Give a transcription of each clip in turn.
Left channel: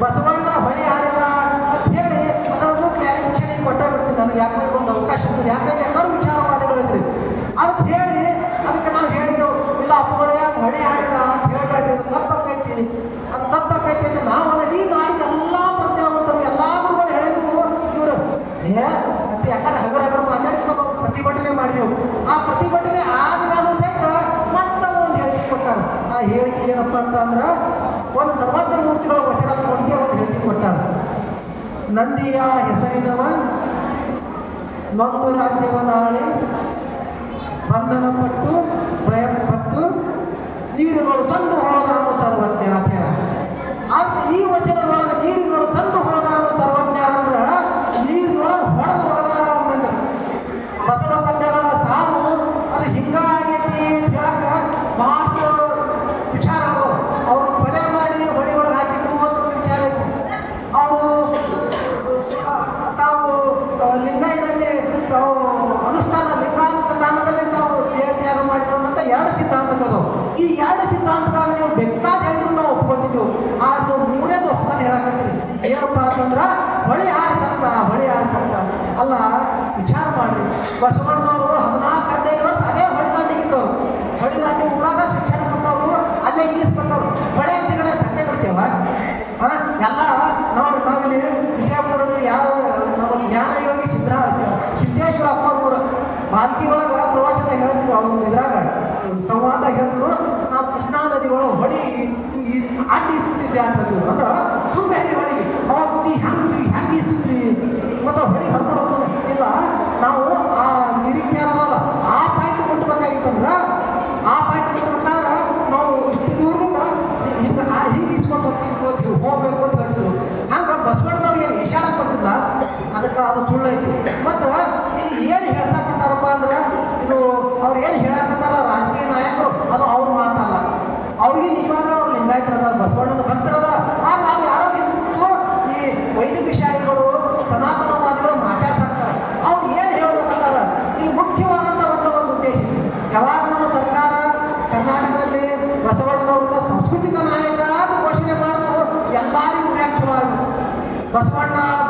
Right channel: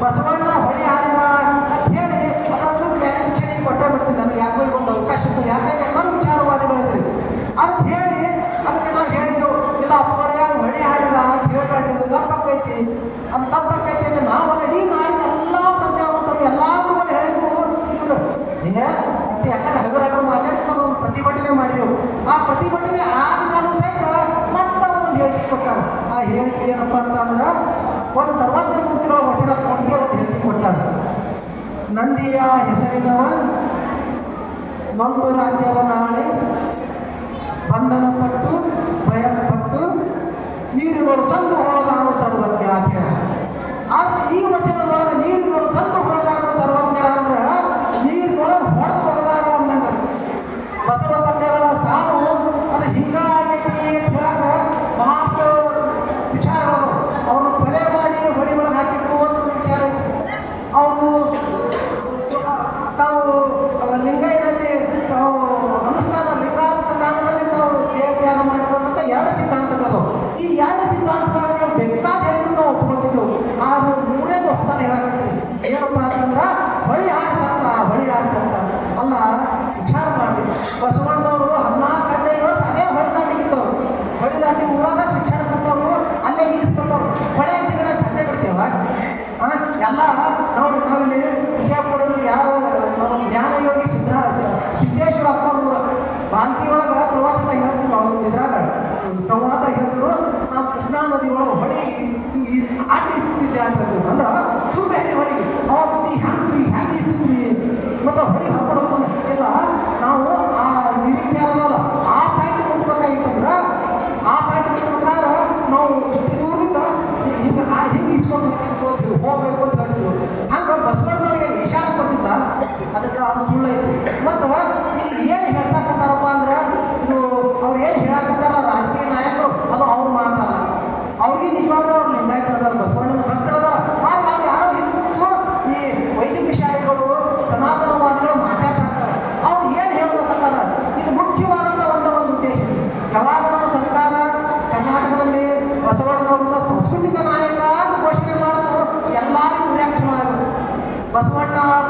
ಬಸವಣ್ಣ ಹೊಳಿ ಆಗದ ಅಂತ ಹೇಳಿ ಅದು ಕ್ಯಾರೆಕ್ಷನಿಗೆ ಕೊಟ್ಟಾಗ್ಬಿಡ್ತೀನಿ. ನನಗೆ ಯಾವುದೇ ಒಂದು ಅವಕಾಶ ಯಾಕೆ ಎಲ್ಲರೂ ವಿಚಾರವಾದಿಗಳು ಅಂದ್ರಿ ಅದು ಹೇಳಿ, ಅದಕ್ಕೆ ನಾವು ಹೇಳಿದೆವು ಇಲ್ಲ ಅಪ್ಪಳೆಯ ಹೊಳಿ ಆಡಿದ ಅಂತ ಹೇಳ್ಬೇಡಿ ಅದು ತಪ್ಪಾಗೈತಿ ಅದು ತಪ್ಪಾಗೈತಿ ಅಂತ ನಾವು ಈ ನಾಡಿದ ಎಲ್ಲ ಪ್ರತ್ಯಾವಂತರು ಎಲ್ಲಾದ್ರೂ ಹೇಳಿದ್ರು. ಇವರು, ಏ, ಮತ್ತೆ ಯಾಕಂದ್ರೆ ಹಗರೆಗಳು ಮಾತಾಡಿಕೊಂಡು ಪ್ರತಿಭಟನೆ ಮಾಡಿದೆವು ಆ ಪ್ರತಿಭಟನೆ ಆದ ನಾನು ಸಹಿತ ಮತ್ತೆ ಒಂದು ಹೇಳಿಕೆ ಕೊಟ್ಟ. ಆ ಹೇಳಿಕೆ ಏನಪ್ಪ ಅಂತಂದ್ರೆ, ಒಂದು ಸರ್ವಜ್ಞ ಮೂರ್ತಿಗಳು ನಂದಿಯ ಹೆಸರಿದವ ನೊಂದು ರಾಜ್ಯವ ನಾಳೆ ಬಂಧನ ಪಟ್ಟು ಭಯಪಟ್ಟು, ನೀರುಗಳು ಸಂದು ಹೋದನು ಸರ್ವಜ್ಞ ಆದ್ರೆ ಈ ವಚನದೊಳಗೆ ನೀರುಗಳು ಸಂದು ಹೋದಾನು ಸರ್ವಜ್ಞ ಅಂದ್ರೆ ನೀರಿನೊಳಗೆ ಹೊಡೆದು ಹೋಗದಾರ ಅಂದಂಗ ಬಸವ ತಂದೆಗಳ ಸಾವು ಅದು ಹಿಂಗಾಗಿ ಮಾತು ವಿಚಾರ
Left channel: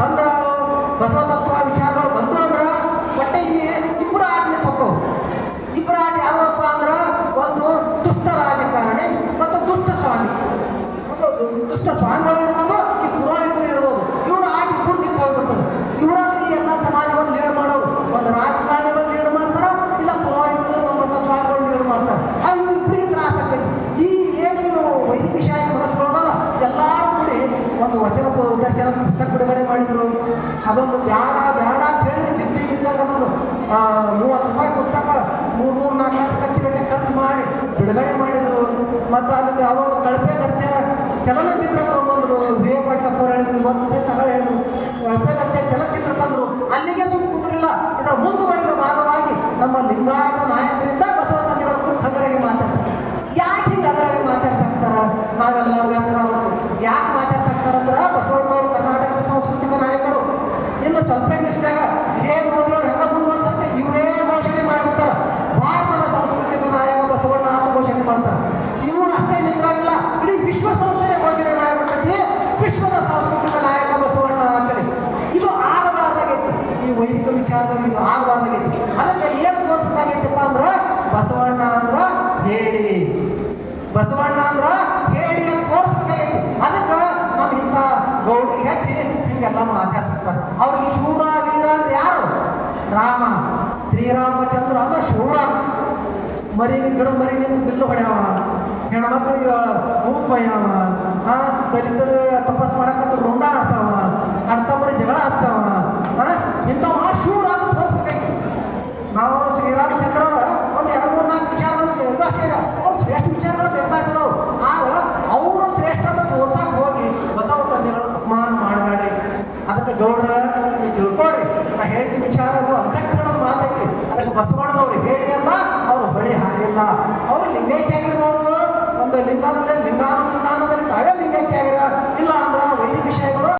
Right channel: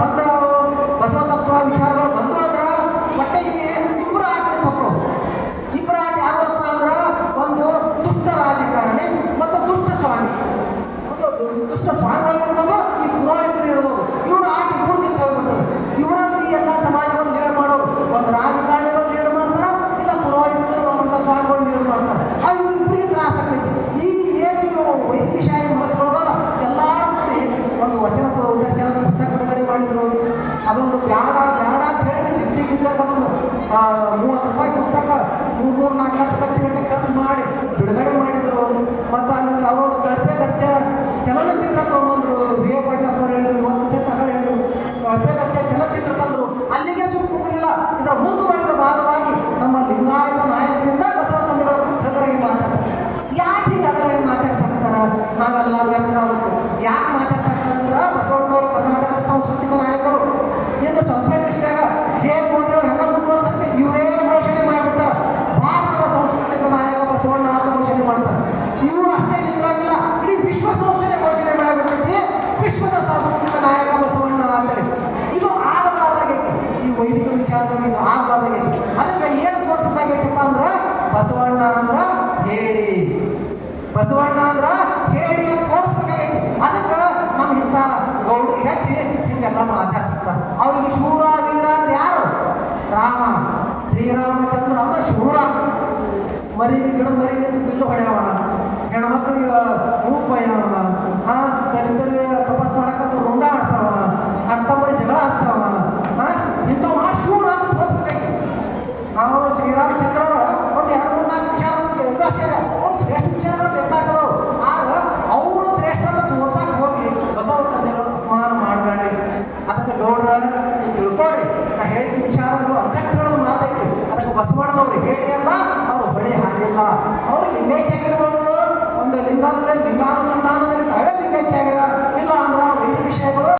ಬಂದ ಬಸವತತ್ವ ವಿಚಾರಗಳು ಬಂದಾಗ ಹೊಟ್ಟೆ ಇದೆ ಇಬ್ಬರ ಆಜ್ಞೆ ತಗೊಳ್ಳೋ ಇಬ್ಬರ ಒಂದು ದುಷ್ಟ ರಾಜಕಾರಣಿ ಮತ್ತು ದುಷ್ಟ ಸ್ವಾಮಿ. ದುಷ್ಟ ಸ್ವಾಮಿ. ಬಿಡುಗಡೆ ಮಾಡಿದರು. ಮತ್ತು ಅಲ್ಲಿಂದ ಯಾವುದೋ ಕಳಪೆ ದರ್ಜೆ ಚಲನಚಿತ್ರ ತಗೊಂಡ್ರು. ವಿ ಎ ಪಟ್ಲಪ್ಪ ಮತ್ತು ಒಂದು ಸೆ ಹೇಳಿದ್ರು. ಕಳಪೆ ದರ್ಜೆ ಚಲನಚಿತ್ರ ತಂದರು. ಅಲ್ಲಿಗೆ ಸುಮ್ ಕುಂತಿರಲಿಲ್ಲ ಇದರ ಮುಂದುವರೆದ ಭಾಗವಾಗಿ ನಮ್ಮ ಲಿಂಗಾಯತ ನಾಯಕರಿಂದ ಬಸವ ತಂದೆಗಳ ಸಗರಾಗಿ ಮಾತಾಡ್ತಾರೆ ಯಾಕೆ ನಗರವಾಗಿ ಅಗರಾಗಿ ಮಾತಾಡ್ಸಕ್ತಾರ ನಾವೆಲ್ಲರೂ ಯೋಚನೆ ಆಗಬೇಕು ಯಾಕೆ ಮಾತಾಡ್ಸಕ್ತಾರಂದ್ರೆ ಬಸವಣ್ಣವರು ಕರ್ನಾಟಕದ ಸಾಂಸ್ಕೃತಿಕ ನಾಯಕರು. ಇನ್ನು ಸ್ವಲ್ಪ ಇಷ್ಟಾಗ ಇವರೇ ಘೋಷಣೆ ಮಾಡಿಬಿಡ್ತಾರೆ. ಭಾರತದ ಸಾಂಸ್ಕೃತಿಕ ನಾಯಕ ಬಸವಣ್ಣ ಅವ್ರಿಗೆ ಶೂರ ವೀರ ಯಾರು? ರಾಮ. ಶ್ರೀರಾಮಚಂದ್ರ ಅಂದ್ರೆ ಶೂರ. ಮರಿ ಗಿಡ ಮರಿ ನಿಂತು ಬಿಲ್ಲು ಹೊಡೆಯವ. ಹೆಣ್ಮಕ್ಳಿಗೆ ಮೂಗ್ ಕೊಯ್ಯವ. ಹಾಂ ದಲಿತರು